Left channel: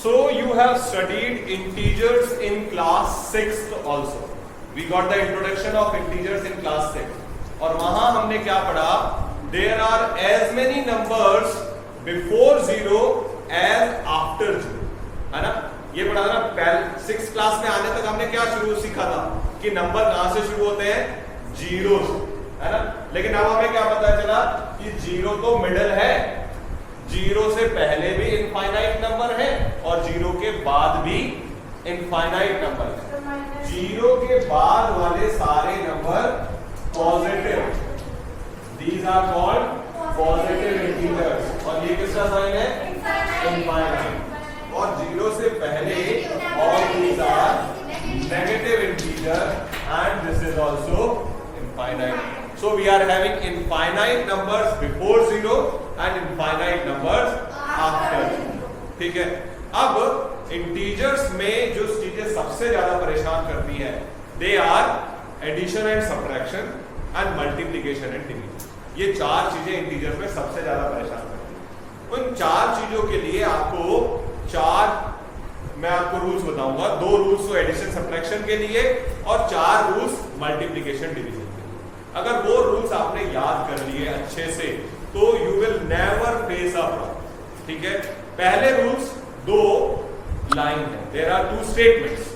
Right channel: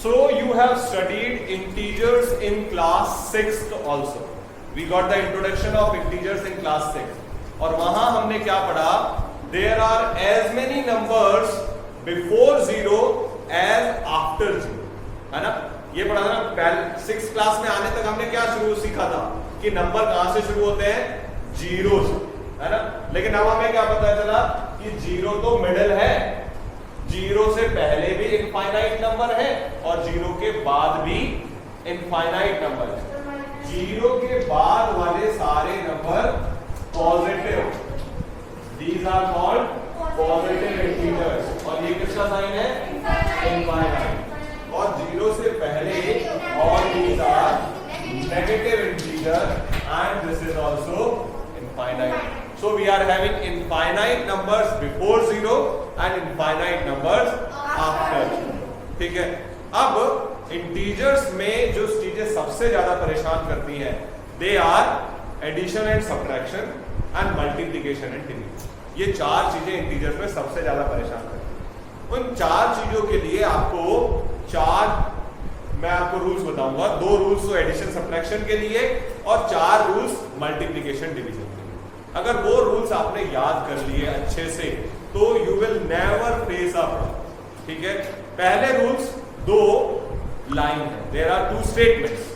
So you have studied integers in class 6th also. We got the introduction of integers in class 6. और वहां हमने क्या पढ़ा? There are as many numbers before 0 as after 0. है ना? ये पढ़ा था ना? पहले 6th क्लास में आने तक हमने क्या शुरू सीखा था कि नंबर कहां से शुरू होते हैं? 0 से, है ना? लेकिन अब हमें क्या पता चला कि 0 तो मिडिल है, 0 से पहले भी इनफाइनाइट नंबर है और 0 के बाद भी इनफाइनाइट नंबर है। 0 के बाद वाले सारे number positive, these are called positive integers. और ये किसका साइन है? इनफाइनाइट। और 0 से पहले all these are negative integer and this is also infinite. So we are having infinite numbers before 0 and infinite numbers after 0. ठीक है? अब इंटीजर्स में जो चीजें सबसे ज्यादा परेशान करती हैं, they are addition and subtraction and multiplication and division. ये चार चीजें इंटीजर्स में सबसे ज्यादा परेशान करती हैं। उन चार चीजों के लिए मैं आपको रूल्स बताऊंगा। 2 रूल्स तो एडिशन सब्ट्रैक्शन के लिए और 4 रूल्स मल्टीप्लिकेशन डिवीजन। अगर वो रूल्स आपने याद कर लिए अच्छे से तो you will never face a problem. ठीक है? पहले रूल्स 2 लाइन है, देयर आर 2 स्टेटमेंट्स।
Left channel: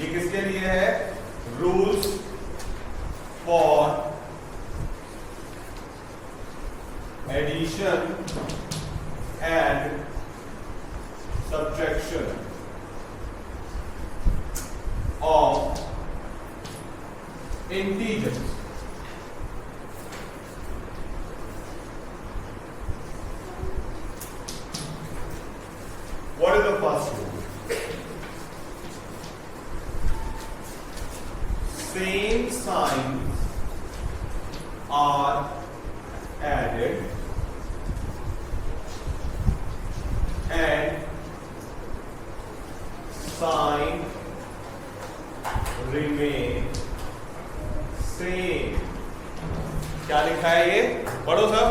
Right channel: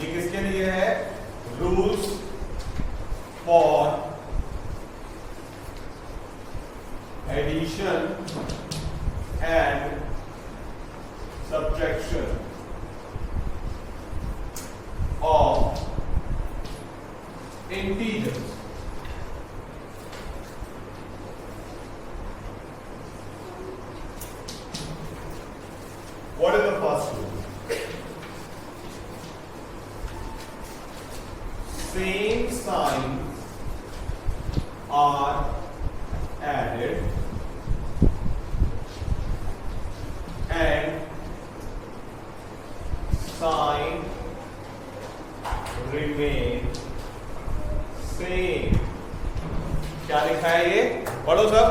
ये किसके लिए है? Rules for addition and subtraction of integers. What is the first rule? Same signs are added and sign remain same. क्या लिखा है ये? पढ़ो सब।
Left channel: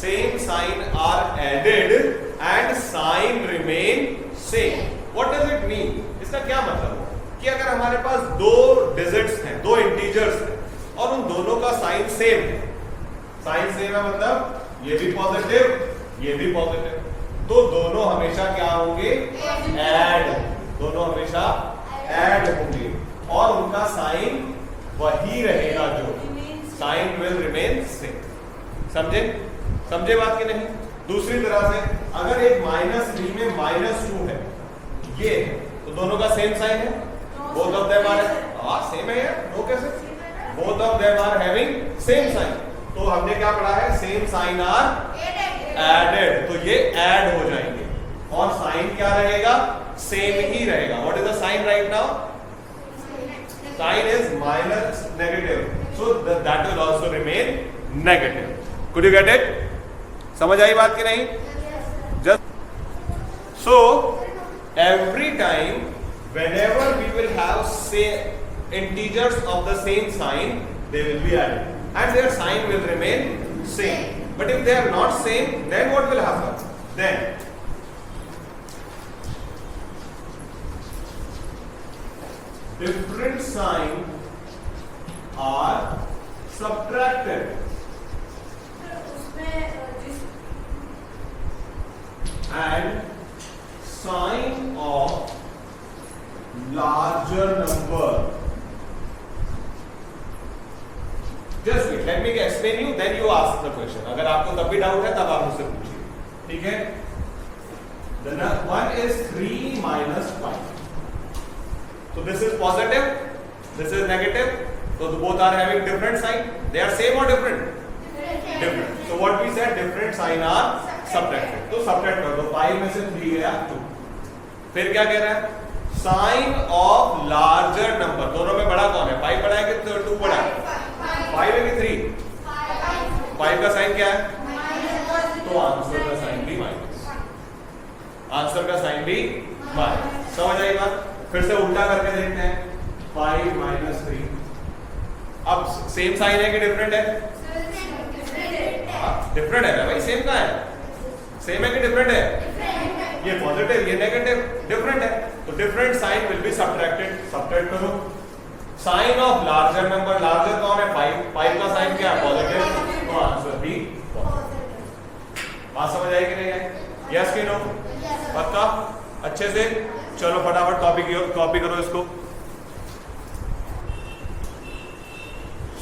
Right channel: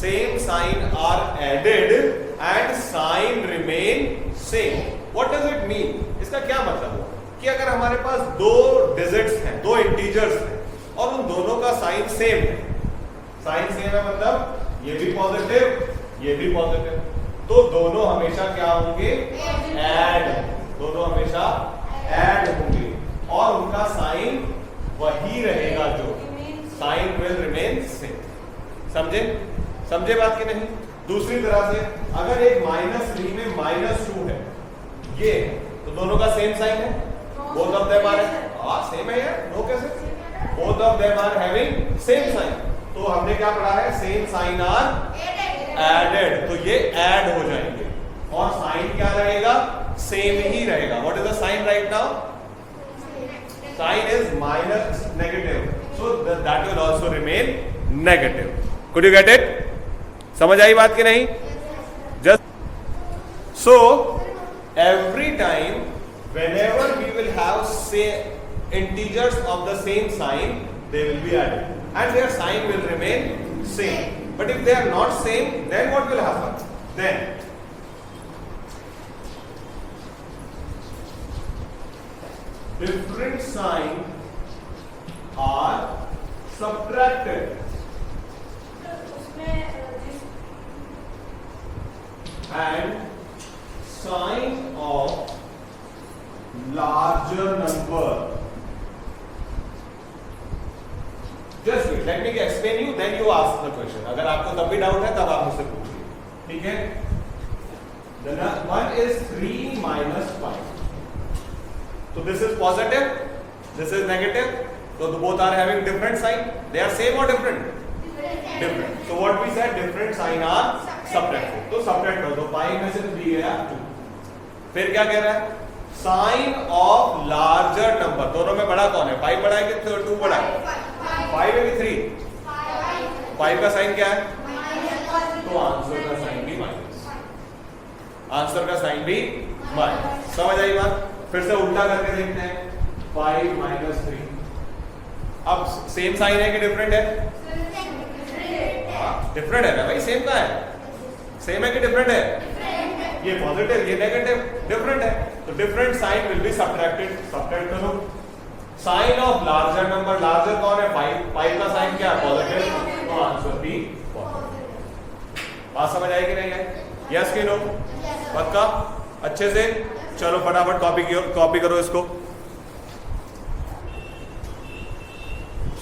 Same sign are added and sign remain same. What does it mean? इसका क्या मतलब है कि अगर हमारे पास 2 डिजिट्स हैं, 2 इंटीजर्स हैं और उन दोनों का साइन सेम है, साइन सेम है मतलब ये भी पॉजिटिव ये भी पॉजिटिव, तो दोनों हमेशा क्या होंगे? ऐड। दोनों हमेशा ऐड होंगे और उनका साइन वही रहेगा, जो साइन विल रिमेन सेम। समझे बात की नहीं? दूसरी तरह से अगर एक -3 में -2 है, ये है, तो दोनों का सेम साइन है। Both of them are same है यार, नो कैसे? Both of them are having same sign. तो हमने क्या पढ़ा है? सेम साइन आर एडेड, तो ये ऐड हो जाएंगे और साइन क्या रहेगा? सेम ही रहेगा। What is the sign right now? Sign is minus negative, so that will also remain negative. Could you get it? समझ आई बात की नहीं? Just so every time whenever we will have say integers of the same sign, they will be added and their sign will remain same. But if they are not same, then what will happen? Then different signs are subtracted and sign of larger number. Just wait, let me explain you, then you ask the question. अगर आपको तब भी doubt है तब आप मुझसे पूछिए। ठीक है? The one is 3 minus 5. So this is positive, this is negative. So both are having different sign. They are same or different? Different. So what we said, different sign are subtracted. तो subtract कर दो, 5 में से 3 गया 2. फिर क्या कह रहा है? Sign of larger number. दोनों में बड़ा कौन है? 5 बड़ा है कि 2 बड़ा है? 5 है कि 3? 5 का साइन क्या है? तो आंसर का साइन भी माइनस। आंसर का साइन भी माइनस। समझ आई बात? फिर से उल्टा करके देखते हैं। 5 - 3। अब सेम साइन है कि डिफरेंट है? डिफरेंट है ना भाई, सेम का है, सेम है कि डिफरेंट है? ये पॉजिटिव ये नेगेटिव, डिफरेंट है, तो different sign will be subtracted, subtract करो। Sign of larger number, larger कौन है? 5, 5 का साइन क्या है? पॉजिटिव, तो आंसर बी पॉजिटिव। बात समझ आई कि नहीं है? यस कि नो? पक्का? अच्छे से चलो फटाफट कॉपी करो इसको।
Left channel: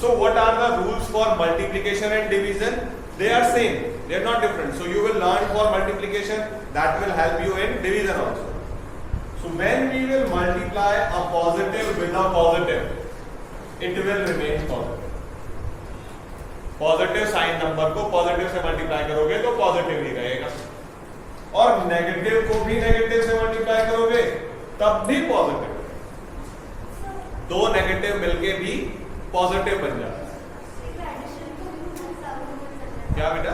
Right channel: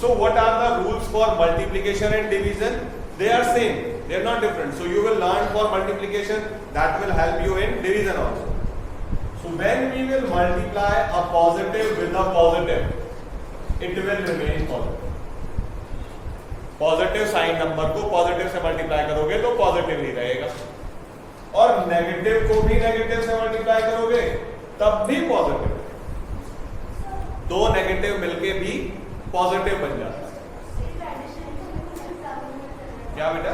So what are the rules for multiplication and division? They are same, they are not different. So you will learn for multiplication, that will help you in division also. So when we will multiply a positive with a positive, it will remain positive. Positive sign number को positive से multiply करोगे तो positive ही रहेगा, और negative को भी negative से multiply करोगे तब भी पॉजिटिव। दो नेगेटिव मिलके भी पॉजिटिव बन जाता है। क्या बेटा?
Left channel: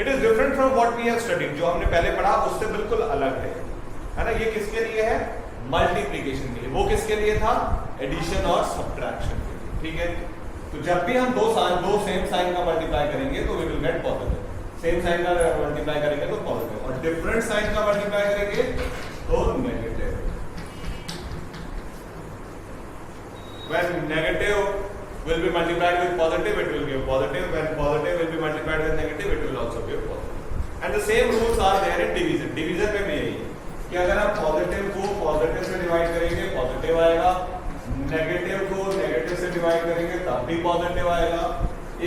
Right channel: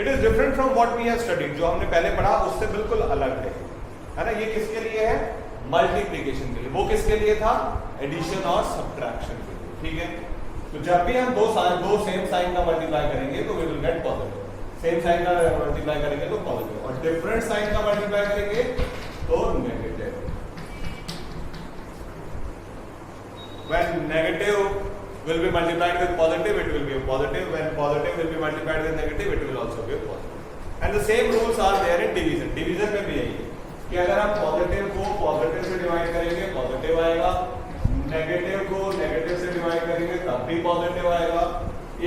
It is different from what we have studied, जो हमने पहले पढ़ा उससे बिल्कुल अलग है ना। ये किसके लिए है? मल्टीप्लिकेशन के लिए। वो किसके लिए था? एडिशन और सब्ट्रैक्शन के लिए, ठीक है। तो जब भी हम दो सेम साइन का मल्टीप्लाई करेंगे तो we will get positive, same sign का मल्टीप्लाई करेंगे तो पॉजिटिव, और डिफरेंट साइन का मल्टीप्लाई करेंगे तो negative. When negative will be multiplied with positive, it will be a positive. When positive will be multiplied with negative, it will also be a positive. And the same rules are there in division. Division में भी यही कि अगर आप positive को positive से divide करेंगे positive आएगा, नेगेटिव को नेगेटिव से डिवाइड करेंगे तब भी पॉजिटिव आएगा,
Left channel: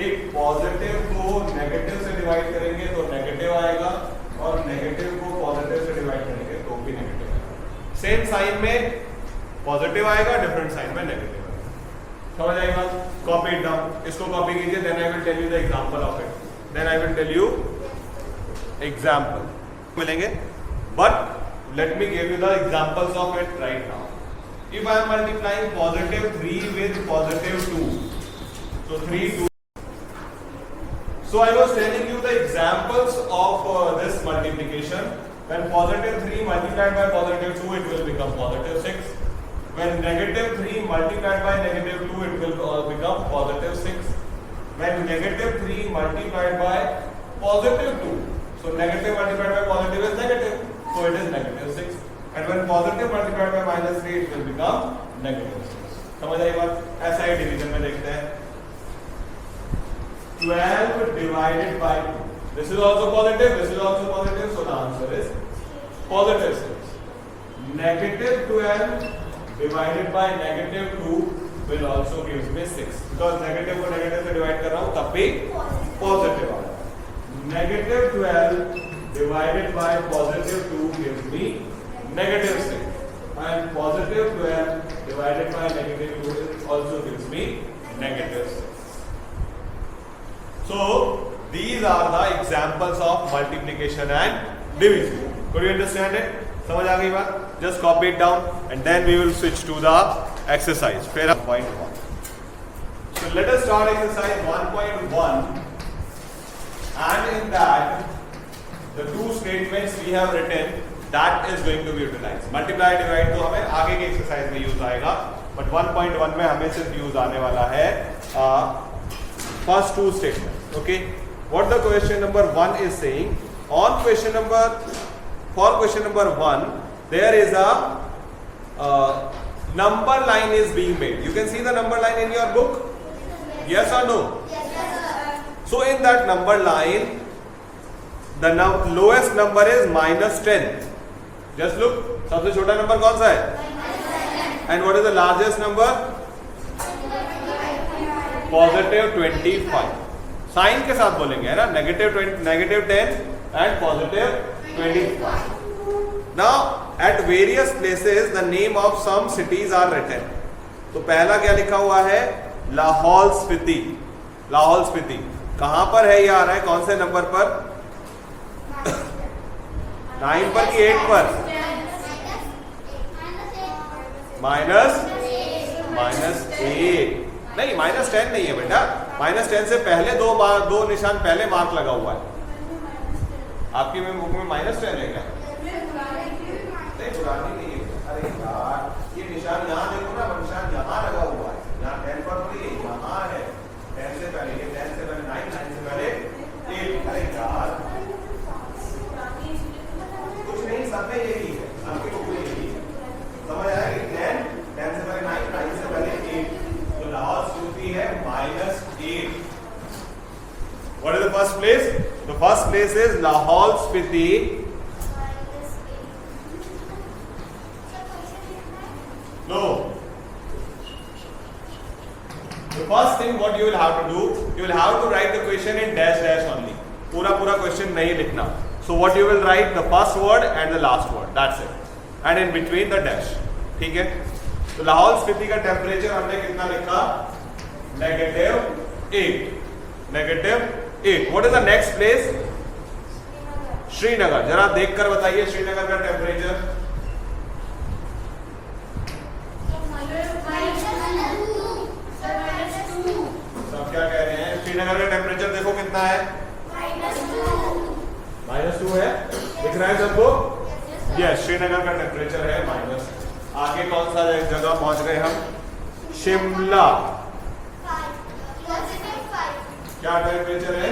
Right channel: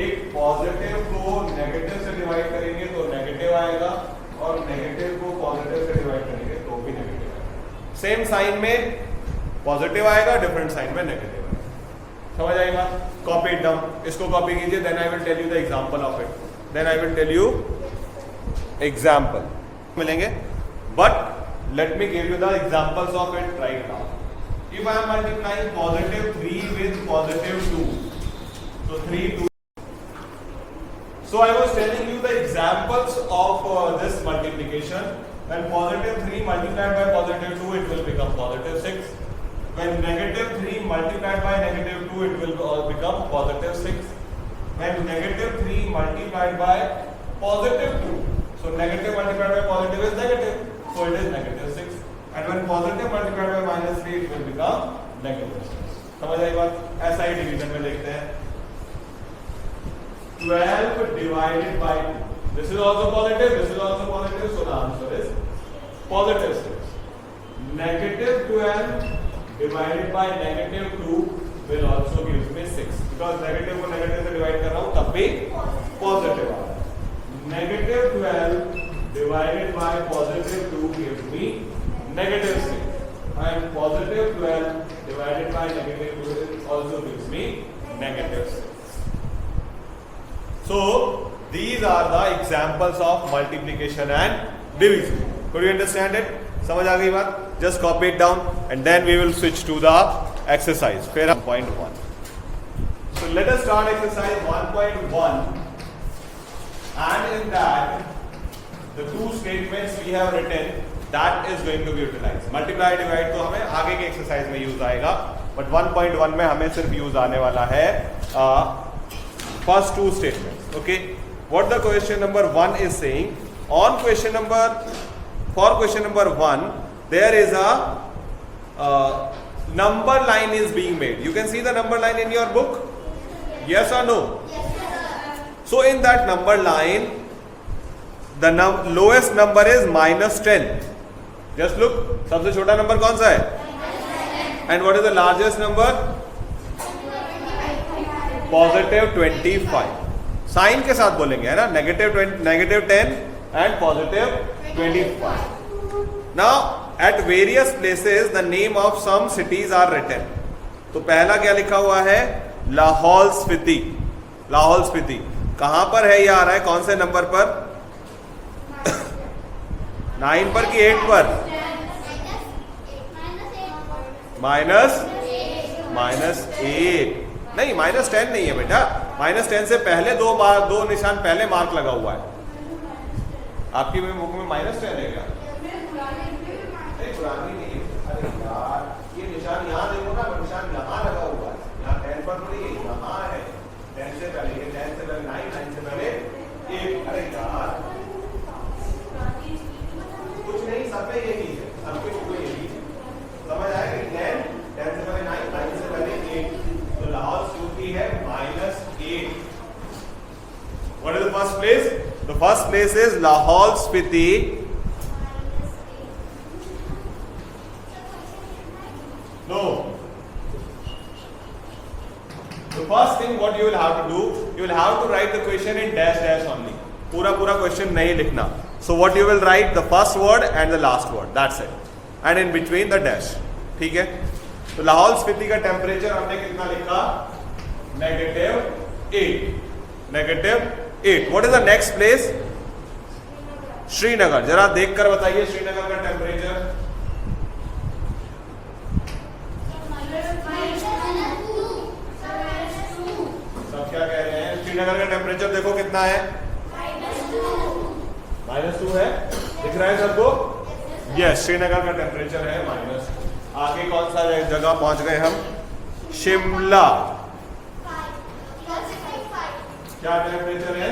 एक पॉजिटिव को नेगेटिव से डिवाइड करेंगे तो नेगेटिव आएगा, और नेगेटिव को पॉजिटिव से डिवाइड करेंगे तो भी नेगेटिव आएगा। सेम साइन में पॉजिटिव आएगा, डिफरेंट साइन में नेगेटिव। समझ आई बात? कॉपी इट डाउन, इसको कॉपी कीजिए, then I will tell you the example of it, then I will tell you example मिलेंगे, but let me give you the examples of it right now. If I am multiplying positive 3 with positive 2, so 3 2, so I was telling you the examples of this multiplication. When positive 3 multiplied by positive 2, it will become positive 6. When negative 3 multiplied by negative 2, it will become positive 6. When negative 3 multiplied by positive 2, so negative multiplied by positive is negative, so it is negative 6. And when positive multiplied by minus 3, it will become negative 6. समझ आई बात? ऐसा ही division में लिखते हैं। 12 divided by 2. This is also positive, this is also positive, so the answer is positive 6. Negative 12 divided by negative 2 will also gives me 6, because negative को negative से divide कर रहा हूँ तब भी positive आ रहा है। Negative 12 divided by positive 2 gives me negative 6, and positive 12 divided by negative 2 also gives me negative 6. So these are the examples of multiplication and division. Could you understand it? समझ आ गई बात? Just copy it down and then we will switch to the exercise. Fair 1.1. So let us start exercise 1.1, and in that the two statements we have written, that is going to be utilized. Multiply divide तो हमें आगे की exercise में use आएगा, but 1.1 में हमें सिर्फ use आने वाला है first two statements. Okay, what the question number 1 is saying? On question number For question number 1, there is a number line is being made. You can see the number line in your book? Yes or no? Yes, sir. So in that number line, the lowest number is -10. Just look, सबसे छोटा number कौन सा है? And what is the largest number? Positive 25. Sign के साथ बोलेंगे है ना, negative 10 and positive 25. Now at various places the name of some cities are written. तो पहला क्या लिखा हुआ है? लाहौल स्पीति। लाहौल स्पीति कहां पर है? ये आ रहा है कौन से नंबर पर? 9 पर कि 8 पर? -8 नहीं, -10 नहीं है बेटा। -10 से पहले दो निशान पहले मार्क लगा हुआ है। आपकी बुक में -10 है क्या? नहीं, पुरानी नहीं है। अरे यार, ये निशान यहाँ देखो ना, निशान यहाँ लगा हुआ है। यहाँ 10 पर नहीं, यहाँ है 10 से पहले, ये 10 से फर्स्ट प्लेस? तो first place is Lahaul Spiti. No. The first thing what you will have to do, you will have to write the question in dash dash only. पूरा question नहीं लिखना. So what you will write, the first word and the last word. That's it. And in between the dash. ठीक है? तो लाहौल स्पीति का temperature हमने कितना लिखा? -8. -8. What is the next place? Srinagar. जरा देखकर बताइए श्रीनगर का टेम्परेचर. क्या कह रहे हैं? श्रीनगर का टेम्परेचर देखो कितना है? -2 है. दिख रहा है सबको? यस, श्रीनगर का टेम्परेचर है -. आगे कौन सा जगह पहुंच गए हम? शिमला. क्या टेम्परेचर है?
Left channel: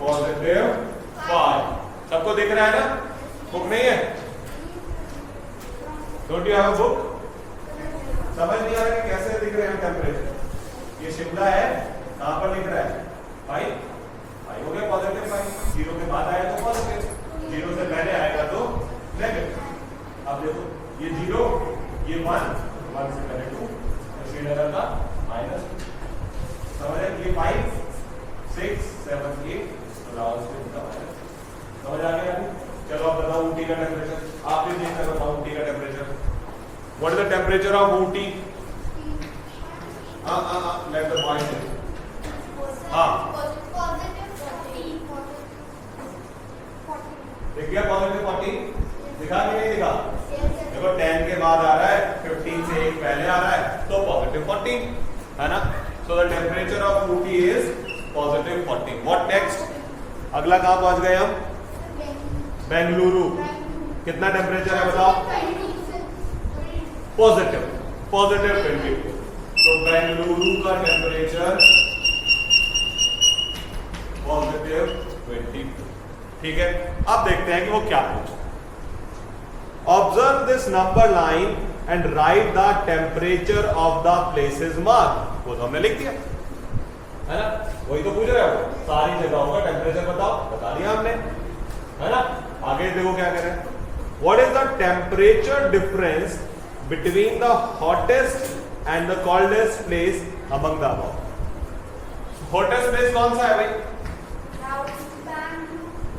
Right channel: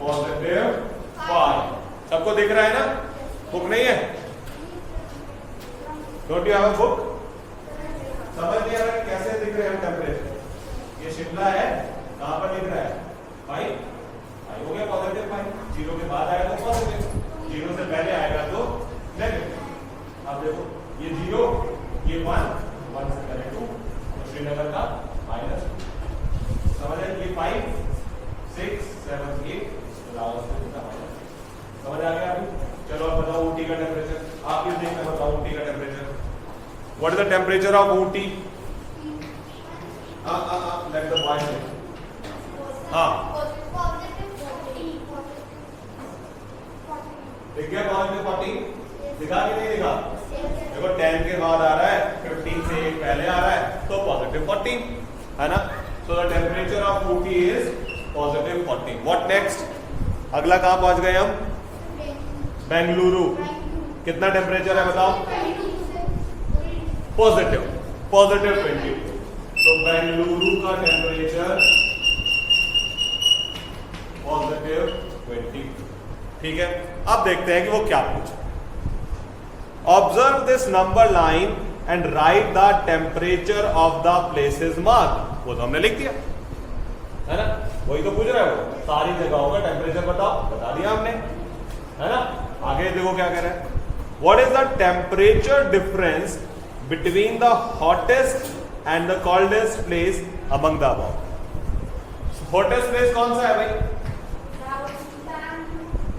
+5. सबको दिख रहा है ना? बुक नहीं है? Don't you have a book? समझ नहीं आ रहा कि कैसे दिख रहे हैं टेम्परेचर? ये शिमला है, कहां पर लिख रहा है? 5 हो गया, +5. 0 के बाद आया तो पॉजिटिव, 0 से पहले आएगा तो नेगेटिव. अब देखो ये 0, ये 1 से पहले 2, तो श्रीनगर का -2. समझ आए? ये 5, 6, 7, 8, तो लाहौल स्पीति का -. समझ आ गया अभी? चलो अब बताओ ऊटी का टेम्परेचर. आप भी देखकर बताओ ऊटी का temperature. What is the temperature of Ooty? Let the boy know. देखिए +40 दिखा कि नहीं दिखा? देखो 10 के बाद आ रहा है, 15 से 1 पहले आ रहा है, तो +14 है ना? So the temperature of Ooty is +14. What next? अगला कहां पहुंच गए हम? बेंगलुरु. कितना टेम्परेचर है बताओ? +22. तो बेंगलुरु का टेम्परेचर +22. ठीक है, अब देखते हैं कि वो क्या पूछा. Observe this number line and right the temperature of the places mark. वो तो हमने लिख दिया है ना? वही तो पूछ रहा है वो. सारी जगहों का टेम्परेचर बताओ. बता दिया हमने, है ना? आगे देखो क्या कह रहा है. What is the temperature difference between the hottest and the coldest place among the above. Hottest place कौन सा है भाई?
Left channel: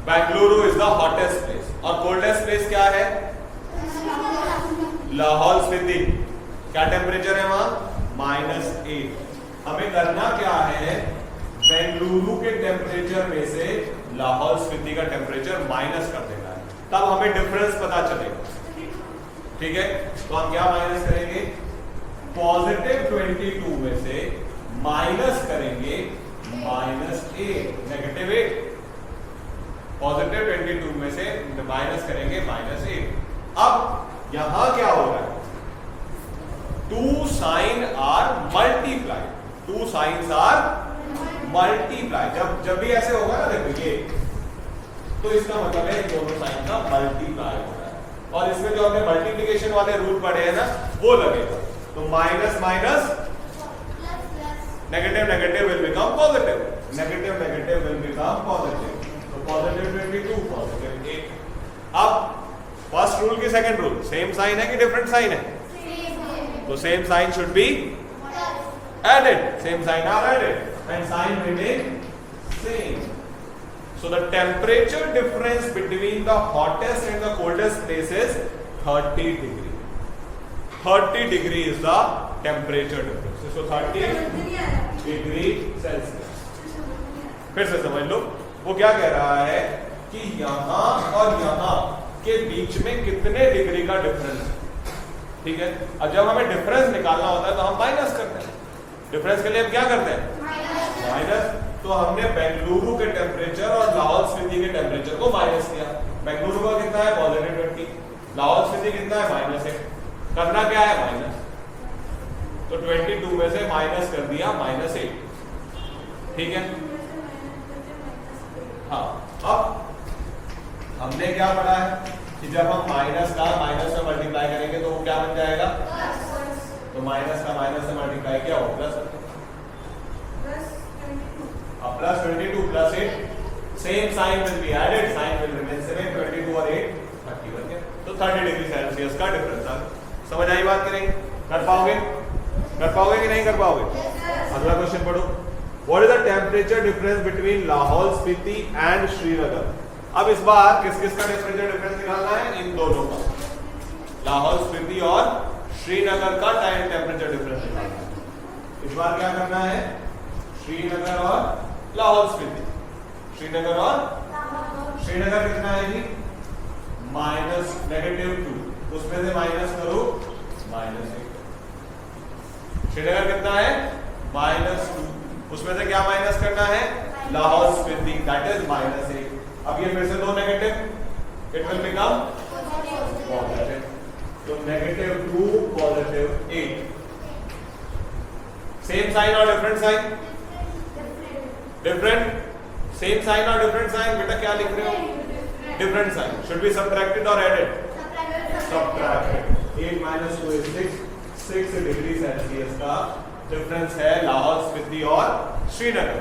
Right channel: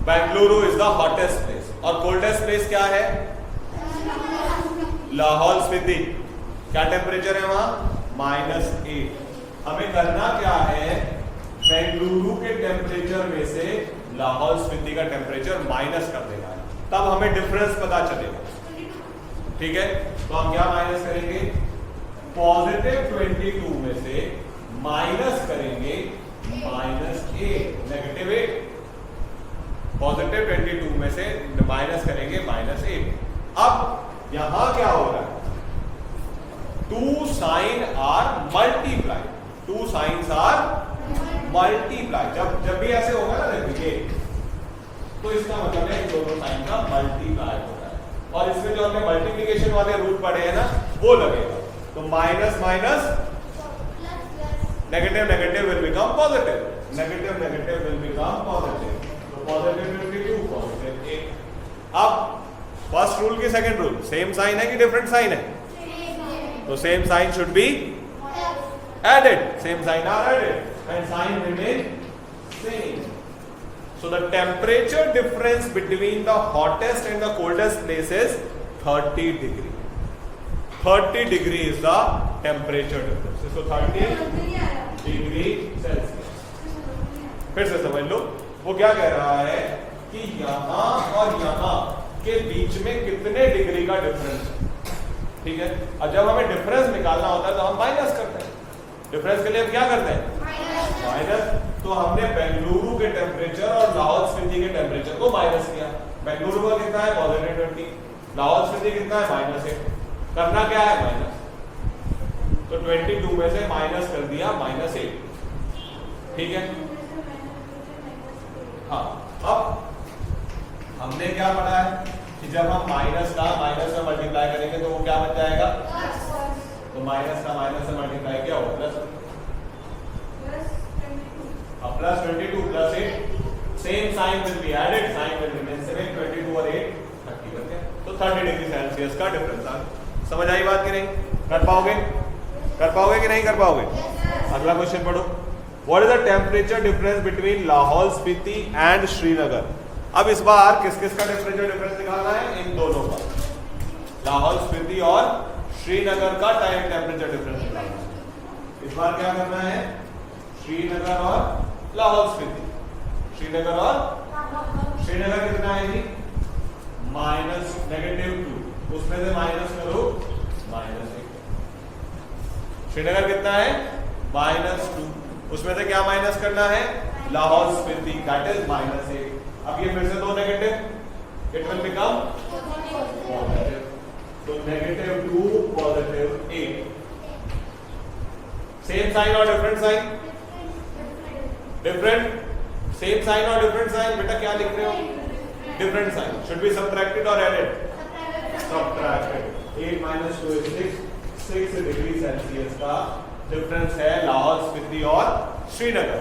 Bengaluru is the hottest place. और coldest place क्या है? लाहौल स्पीति. क्या टेम्परेचर है वहां? -8. हमें करना क्या है? बेंगलुरु के टेम्परेचर में से लाहौल स्पीति का टेम्परेचर माइनस कर देना है, तब हमें डिफरेंस पता चलेगा. ठीक है, तो हम क्या माइनस करेंगे? +22 में से माइनस करेंगे -8, -8. +22 में से माइनस करेंगे -8. अब यहां क्या हो रहा है? 2 sign are multiply. 2 signs are multiply. जब भी ऐसे होगा ना, देखो ये, तो इसका मतलब है दोनों साइन का मल्टीप्लाई हो रहा है. और इसमें जो हमने मल्टीप्लीकेशन वाले रूल पढ़े हैं ना, वो लगेगा. तो minus negative will become positive. Negative will become positive. तो +22, +8. अब फर्स्ट रूल की सेकंड रूल सेम साइन है कि डिफरेंट साइन है? तो same sign should be added. Same sign are added and sign remain same. So the temperature difference between the hottest and the coldest place is 30 degree. 30 degree is the temperature difference. So 30 degree Celsius. फिर से समझ लो, वो क्या कह रहा है कि यहां और यहां के बीच में कितने डिग्री का डिफरेंस है. ठीक है, और जब हमें डिफरेंस निकालना होता है तो हम माइनस करते हैं. डिफरेंस के लिए हम क्या करते हैं? माइनस. तो हमने बेंगलुरु के टेम्परेचर और लाहौल स्पीति के टेम्परेचर को माइनस किया. बेंगलुरु का कितना है? +20. लाहौल स्पीति कितना है? -8. करना क्या है? माइनस. तो 22 में से माइनस कर दिया -8. ठीक है. हाँ, अब हमने क्या पढ़ा है कि जब हम माइनस का माइनस से मल्टीप्लाई करेंगे तो वो क्या बन जाएगा? तो माइनस का माइनस से मल्टीप्लाई किया हो प्लस. अब plus 22 plus 8, same sign will be added, sign will remain same, 22 और 8 30 बन गया। तो 30 डिग्री सेल्सियस का डिफरेंस आ गया। समझ आई बात कि नहीं? कर पाओगे कि नहीं कर पाओगे? अगला क्वेश्चन पढ़ो। What is the temperature difference between Lahaul Spiti and Srinagar? अब इस बार किस किस का टेम्परेचर डिफरेंस निकालना है? इन दोनों का, लाहौल स्पीति और श्रीनगर का टाइम टेम्परेचर डिफरेंस निकालना है। इस बार क्या करना है? श्रीनगर और लाहौल स्पीति, श्रीनगर और श्रीनगर कितना है जी? -2, उसमें से माइनस करो -1। श्रीनगर कितना है? -2, उसमें से क्या माइनस करना है? Lahaul Spiti, that is -8। अब ये फिर से दो negative, it will become positive, तो -2 +8। सेम साइन और different sign? Different. Same sign और डिफरेंट साइन? बेटा क्या लिख रहे हो? Different sign. Should be subtracted और added? Subtracted. 8 - 2 is 6 degree Celsius का डिफरेंस है लाहौल स्पीति और श्रीनगर।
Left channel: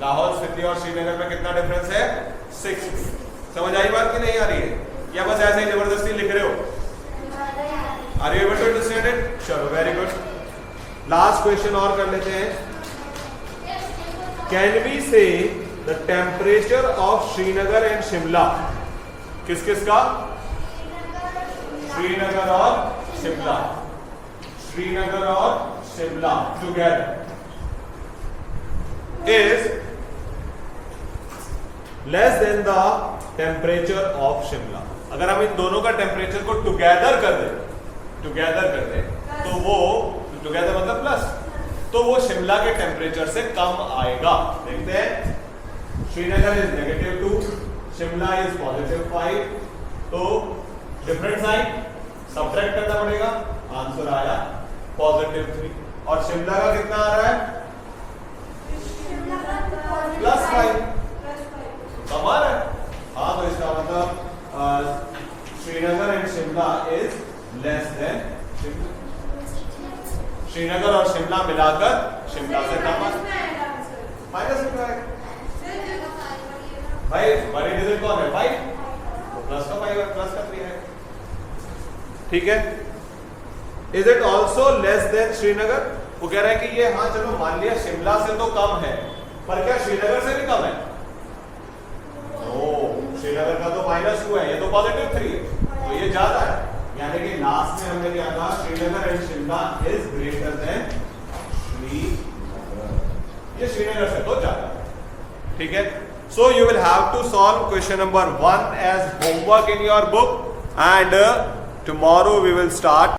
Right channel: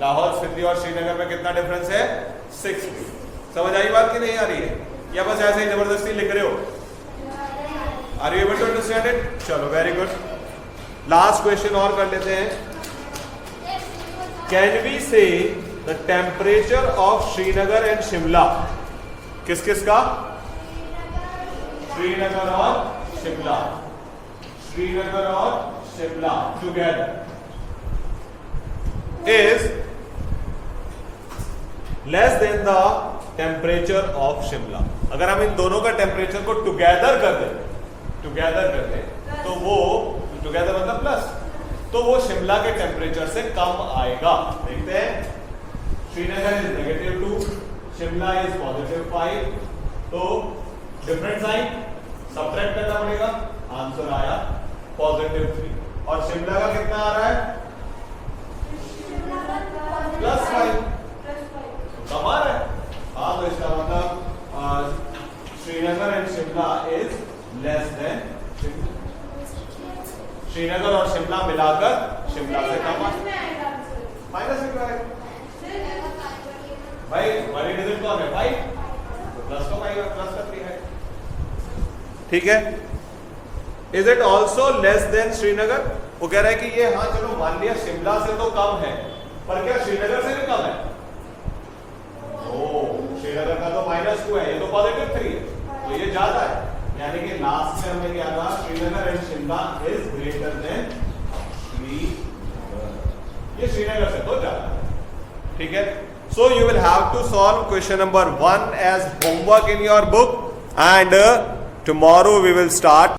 लाहौल स्पीति और श्रीनगर में कितना डिफरेंस है? 6। समझ आई बात कि नहीं आ रही है? या बस ऐसे जबरदस्ती लिख रहे हो? Are you able to understand it? चलो वेरी गुड। लास्ट क्वेश्चन और कर लेते हैं। Can we say the temperature of Srinagar and Shimla? किस किस का? श्रीनगर और शिमला, श्रीनगर और Shimla together is less than the temperature of Shimla. अगर हम इन दोनों का टेम्परेचर को टुगेदर कर दें तो वो टुगेदर मतलब प्लस, तो वो शिमला के टेम्परेचर से कम आएगा। देखते हैं। श्रीनगर इज -2, शिमला इज +5, तो डिफरेंट साइन सबट्रैक्ट करना पड़ेगा। आंसर आया +3। और शिमला का कितना आ रहा है? +5, कम आ रहा है। हाँ, तो इसका मतलब Srinagar and Shimla is less then, Srinagar और शिमला मिलाकर शिमला से कम आ -5। भाई बड़ी डिजिट कौन है? 5, तो प्लस का 5 है, प्लस का 3 है। ठीक है। Is it also less than Srinagar? वो कह रहा है कि ये, हाँ चलो मान लिया शिमला से तो कम है, पर क्या श्रीनगर से भी कम है? श्रीनगर का तो -2 है, ये तो +3 है, तो ये ज्यादा है। यानी कि लास्ट में हमने क्या कहा? Srinagar and Shimla is greater than Srinagar, ये श्रीनगर से तो ज्यादा है। ठीक है। So you will have to solve question number 1 as homework in your book, and tomorrow we will start